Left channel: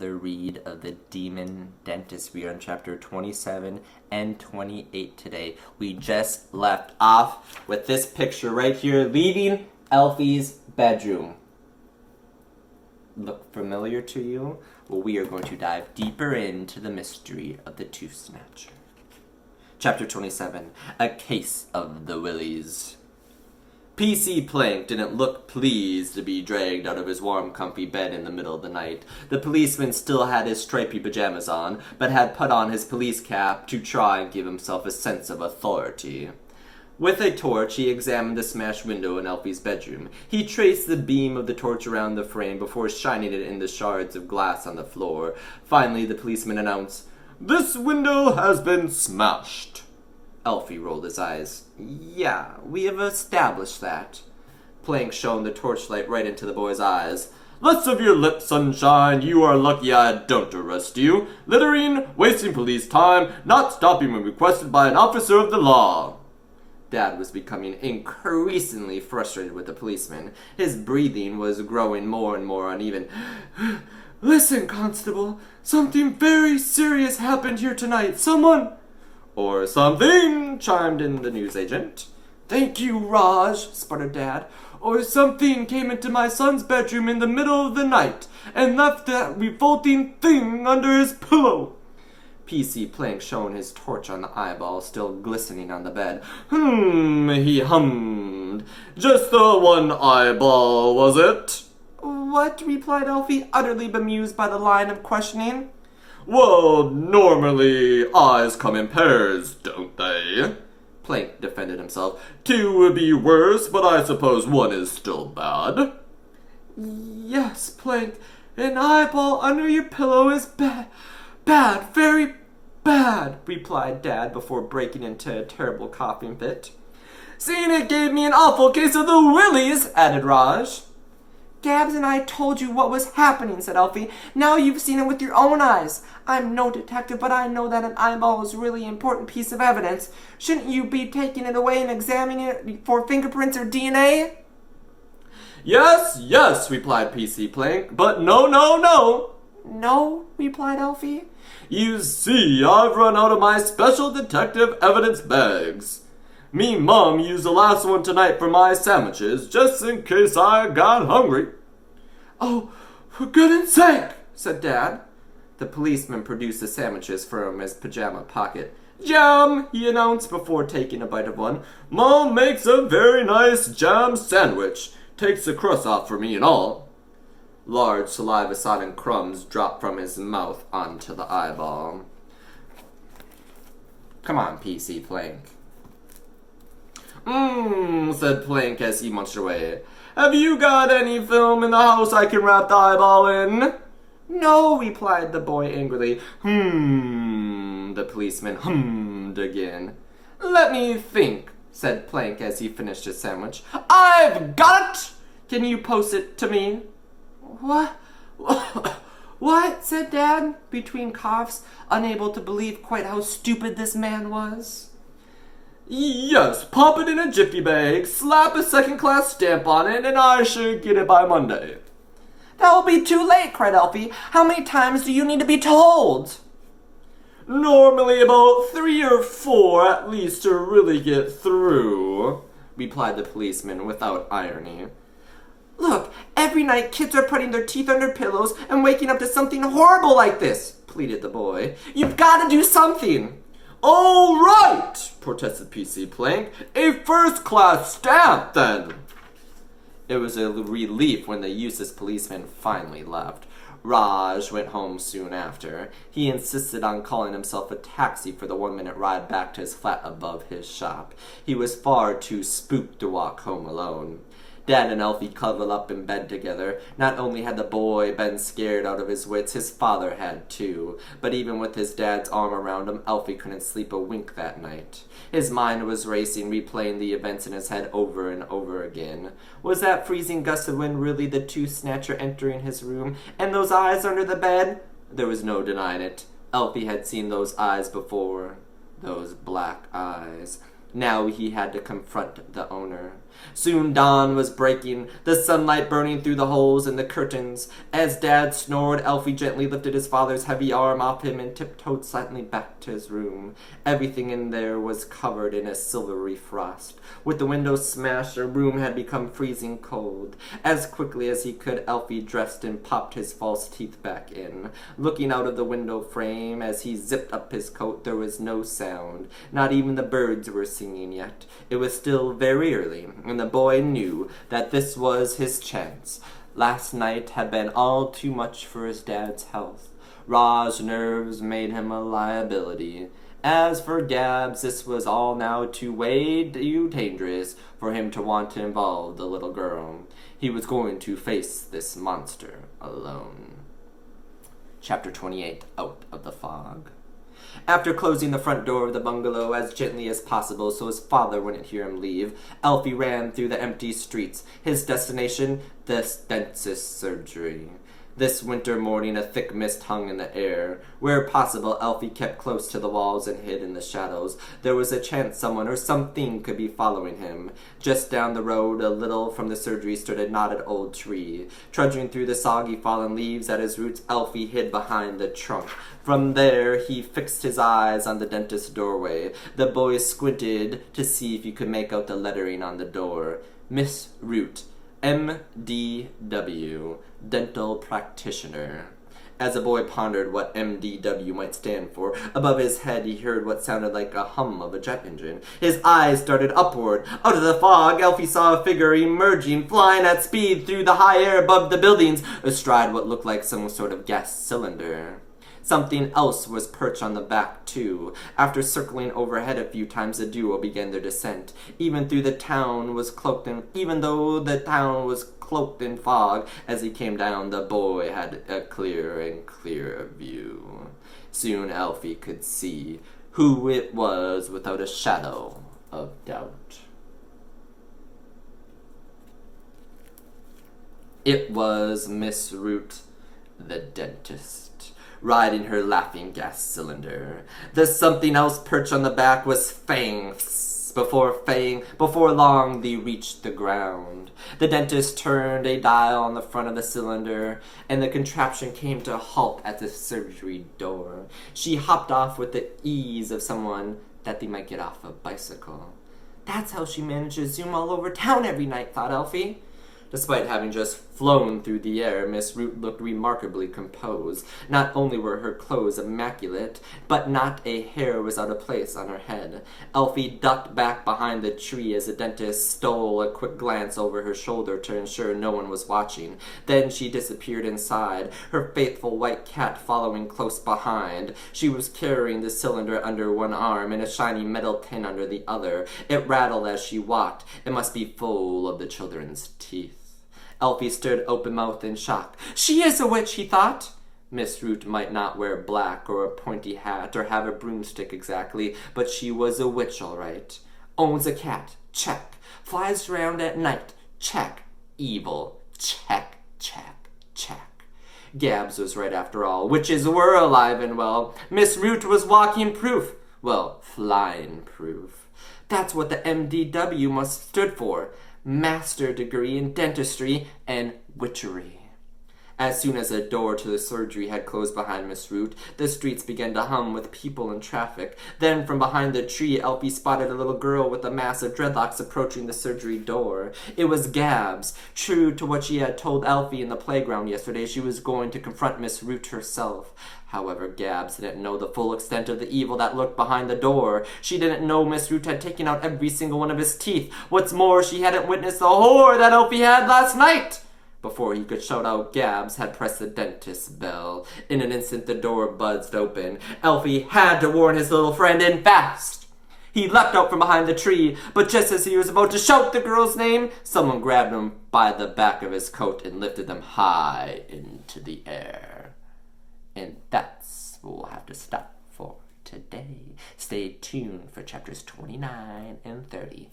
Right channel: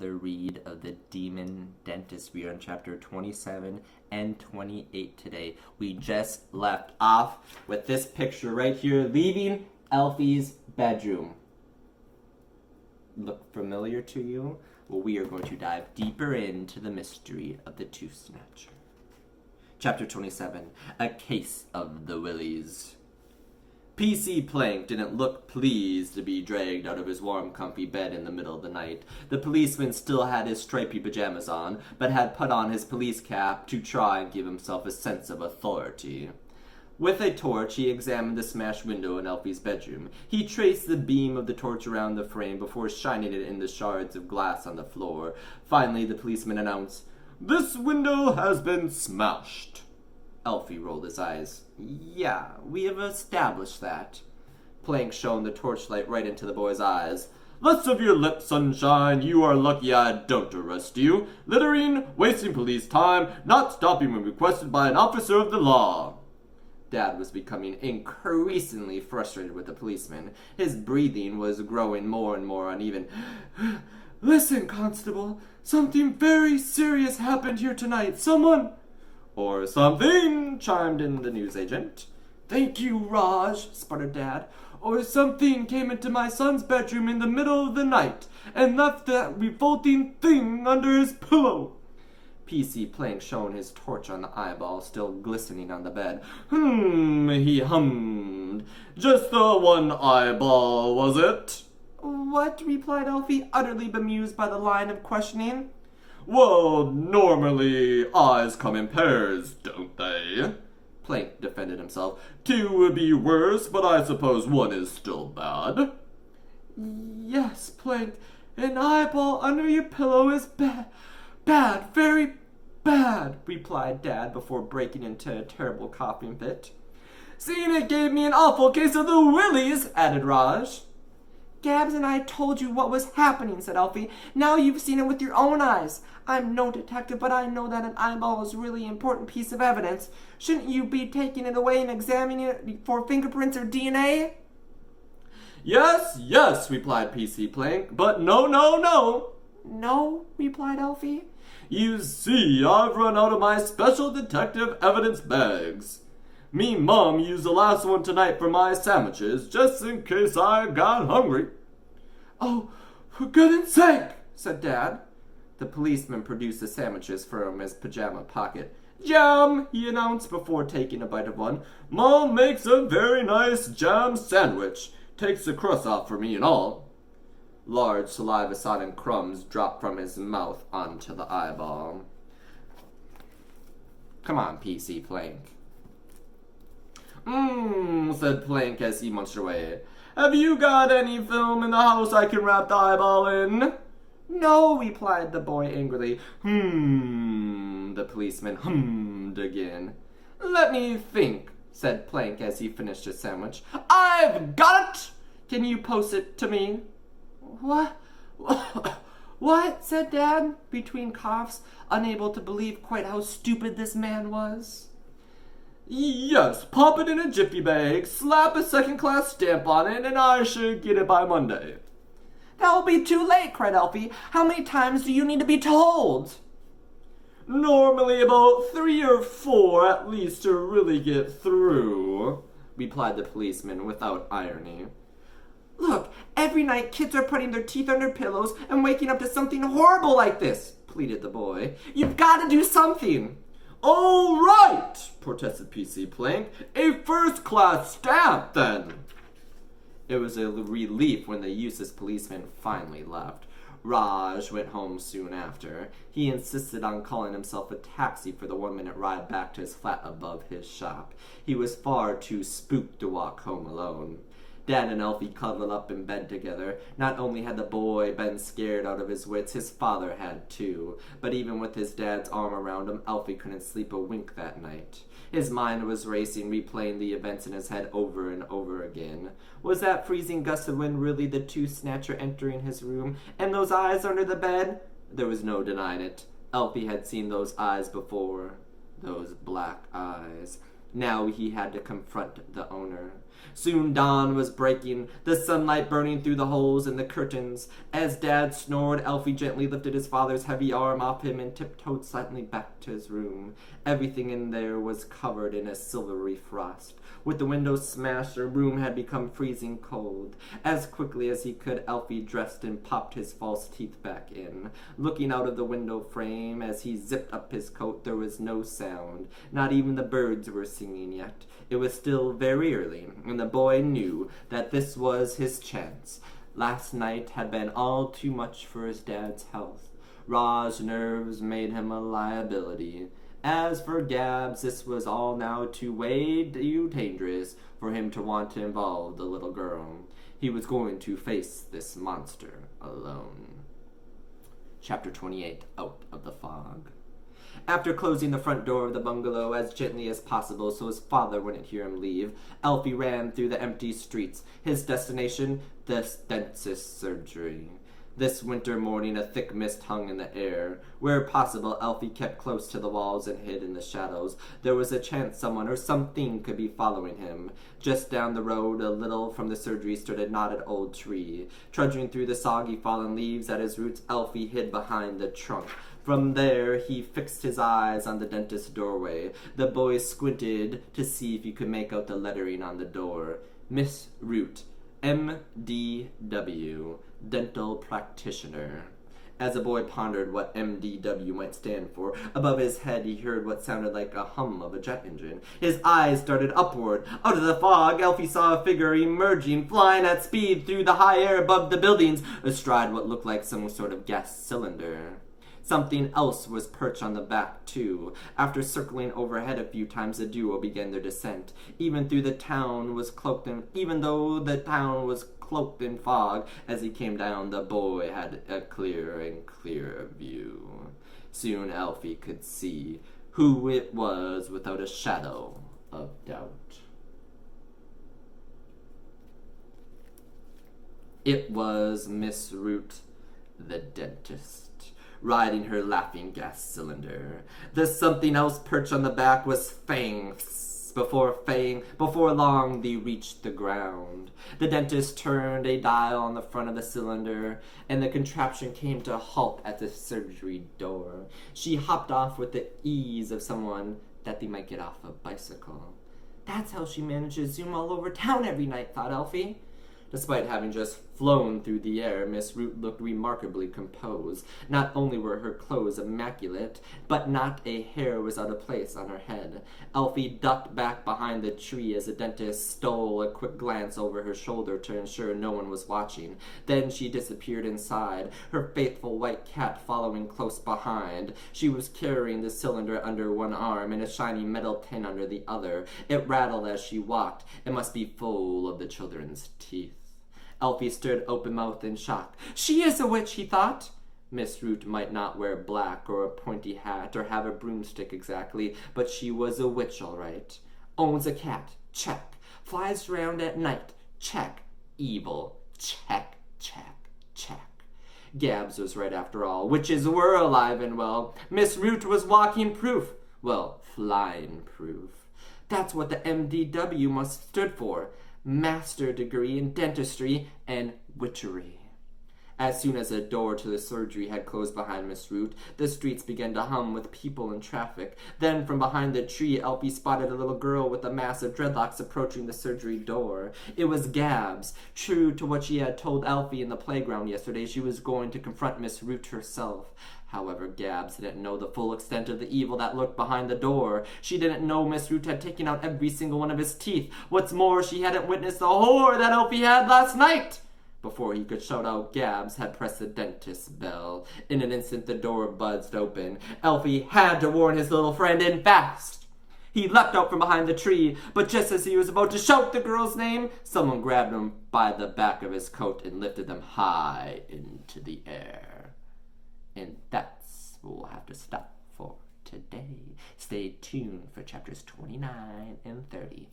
another read of the Demon Dentist. We are on chapter 27 and 28 today. We just left off with this picture right here, leaving Alfie's bedroom. Look familiar to you? Well, we are going to dive deeper into the mystery of the Tooth Snatcher. Chapter 27, A Case of the Willies. P.C. Plank didn't look pleased to be dragged out of his warm, comfy bed in the middle of the night. The policeman still had his stripy pajamas on, but had put on his police cap to try and give himself a sense of authority. With a torch, he examined the smashed window in Alfie's bedroom. He traced the beam of the torch around the frame before shining it in the shards of glass on the floor. Finally, the policeman announced, "This window has been smashed." Alfie rolled his eyes. "Yeah, we have established that." Plank shone the torchlight right into the boy's eyes. "Less of your lip, sunshine. You are lucky I don't arrest you. Littering, wasting police time, not stopping when requested by an officer of the law." Dad was becoming increasingly frustrated with the policeman. His breathing was growing more and more uneven. "Listen, Constable, something very serious happened here tonight. Someone—" "Or something," chimed in the newsagent. "Thank you, Raj," sputtered Dad. "Or something came into my son's bedroom in the middle of the night and left that revolting thing under his pillow." P.C. Plank shone his torch on the eyeball still glistening on the bed. He hummed. "Just the one eyeball, was it?" "What?" replied Alfie, utterly bemused by the line of questioning. "Well, normally eyes come in pairs, don't they?" Plank defended himself. "Two would be worse, but I suppose one is still bad." "Yes, Plank, an eyeball under your pillow is bad, very bad," replied Dad before breaking into a terrible coughing fit. "Seeing it gave me an awful case of the willies," added Raj. "Gabz and I told you what was happening," said Alfie. "Now you've seen it with your own eyes. I'm no detective, but I know that an eyeball is a really important piece of evidence. Shouldn't you be taking it away and examining it for fingerprints or DNA? Yes, replied P.C. Plank, "but no. "No?" replied Alfie. "You see, I've run out of my special detective evidence bags. Me Mom used the last one tonight for my sandwiches, just in case I got hungry." "Oh, for goodness sake," said Dad. The policeman produced the sandwiches from his pajama pocket. "Jam," he announced before taking a bite of one. "Mom makes a very nice jam sandwich. Takes the crust off for me and all." Large saliva-sodden crumbs dropped from his mouth onto the eyeball. "Come on, P.C. Plank." Said Plank as he munched away. "Have you got any film in the house I can wrap the eyeball in?" "No," replied the boy angrily. The policeman hummed again. "Let me think," said Plank as he finished his sandwich. "I've got it! Can you post it to me?" What? said Dad, between coughs, unable to believe quite how stupid this man was. "Yes, pop it in a jiffy bag, slap a second-class stamp on it, and I should get it by Monday." "That will be too late," cried Alfie. "How many times do you need to be told?" "Normally about 3 or 4 at least to really get through," replied the policeman without irony. "Look, every night kids are putting their teeth under pillows and waking up to something horrible like this," pleaded the boy. "You've got to do something." "All right," protested P.C. Plank. "A first-class stamp, then." It was a relief when the useless policeman finally left. Raj went home soon after. He insisted on calling himself a taxi for the 1-minute ride back to his flat above his shop. He was far too spooked to walk home alone. Dad and Alfie cuddled up in bed together. Not only had the boy been scared out of his wits, his father had too. But even with his dad's arm around him, Alfie couldn't sleep a wink that night. His mind was racing, replaying the events in his head over and over again. Was that freezing gust of wind really the Tooth Snatcher entering his room? And those eyes under the bed? There was no denying it. Alfie had seen those eyes before. Those black eyes. Now he had to confront the owner. Soon dawn was breaking, the sunlight burning through the holes in the curtains. As Dad snored, Alfie gently lifted his father's heavy arm off him and tiptoed silently back to his room. Everything in there was covered in a silvery frost. With the windows smashed, the room had become freezing cold. As quickly as he could, Alfie dressed and popped his false teeth back in. Looking out of the window frame as he zipped up his coat, there was no sound. Not even the birds were singing yet. It was still very early, and the boy knew that this was his chance. Last night had been all too much for his dad's health. Ra's nerves made him a liability. As for Gabz, this was all now too way too dangerous for him to want to involve the little girl. He was going to face this monster alone. Chapter 28, Out of the Fog. After closing the front door of the bungalow as gently as possible so his father wouldn't hear him leave, Alfie ran through the empty streets. His destination, the dentist's surgery. This winter morning a thick mist hung in the air. Where possible, Alfie kept close to the walls and hid in the shadows. There was a chance someone or something could be following him. Just down the road, a little from the surgery, stood a knotted old tree. Trudging through the soggy fallen leaves at his roots, Alfie hid behind the trunk. From there, he fixed his eyes on the dentist's doorway. The boy squinted to see if he could make out the lettering on the door. Miss Root, M.D.W., Dental Practitioner. As the boy pondered what M.D.W. might stand for, above his head he heard what sounded like a hum of a jet engine. His eyes darted upward. Out of the fog, Alfie saw a figure emerging, flying at speed through the high air above the buildings, astride what looked like some sort of gas cylinder. Something else was perched on the back, too. After circling overhead a few times, the duo began their descent. Even though the town was cloaked in fog, as he came down, the boy had a clearer and clearer view. Soon Alfie could see who it was without a shadow of doubt. It was Miss Root, the dentist, riding her laughing gas cylinder. The something else perched on the back was Fang. Before long, they reached the ground. The dentist turned a dial on the front of the cylinder, and the contraption came to a halt at the surgery door. She hopped off with the ease of someone that they might get off a bicycle. That's how she managed to zoom all over town every night, thought Alfie. Despite having just flown through the air, Miss Root looked remarkably composed. Not only were her clothes immaculate, but not a hair was out of place on her head. Alfie ducked back behind the tree as the dentist stole a quick glance over her shoulder to ensure no one was watching. Then she disappeared inside, her faithful white cat following close behind. She was carrying the cylinder under one arm and a shiny metal tin under the other. It rattled as she walked. It must be full of the children's teeth. Alfie stood open-mouthed in shock. She is a witch, he thought. Miss Root might not wear black or a pointy hat or have a broomstick exactly, but she was a witch, all right. Owns a cat, check. Flies around at night, check. Evil, check, check, check. Gabz was right after all. Witches were alive and well. Miss Root was walking proof. Well, flying proof. That's what the MDW must stood for. Master degree in dentistry and witchery. As soon as the door to the surgery had closed behind Miss Root, the streets began to hum with people and traffic. Then from behind the tree, Alfie spotted a little girl with a mass of dreadlocks approaching the surgery door. It was Gabz. True to what she had told Alfie in the playground yesterday, she was going to confront Miss Root herself. However, Gabz didn't know the full extent of the evil that lurked behind the door. She didn't know Miss Root had taken out every single one of his teeth. What's more, she hadn't witnessed the horror that Alfie had last night. Before he could shout out, Gabz had pressed the dentist's bell. In an instant, the door buzzed open. Alfie had to warn his little friend, and fast. He leapt out from behind the tree, but just as he was about to shout the girl's name, someone grabbed him by the back of his coat and lifted them high into the air. And that's what we'll have to stop for today. Stay tuned for chapters 29 and 30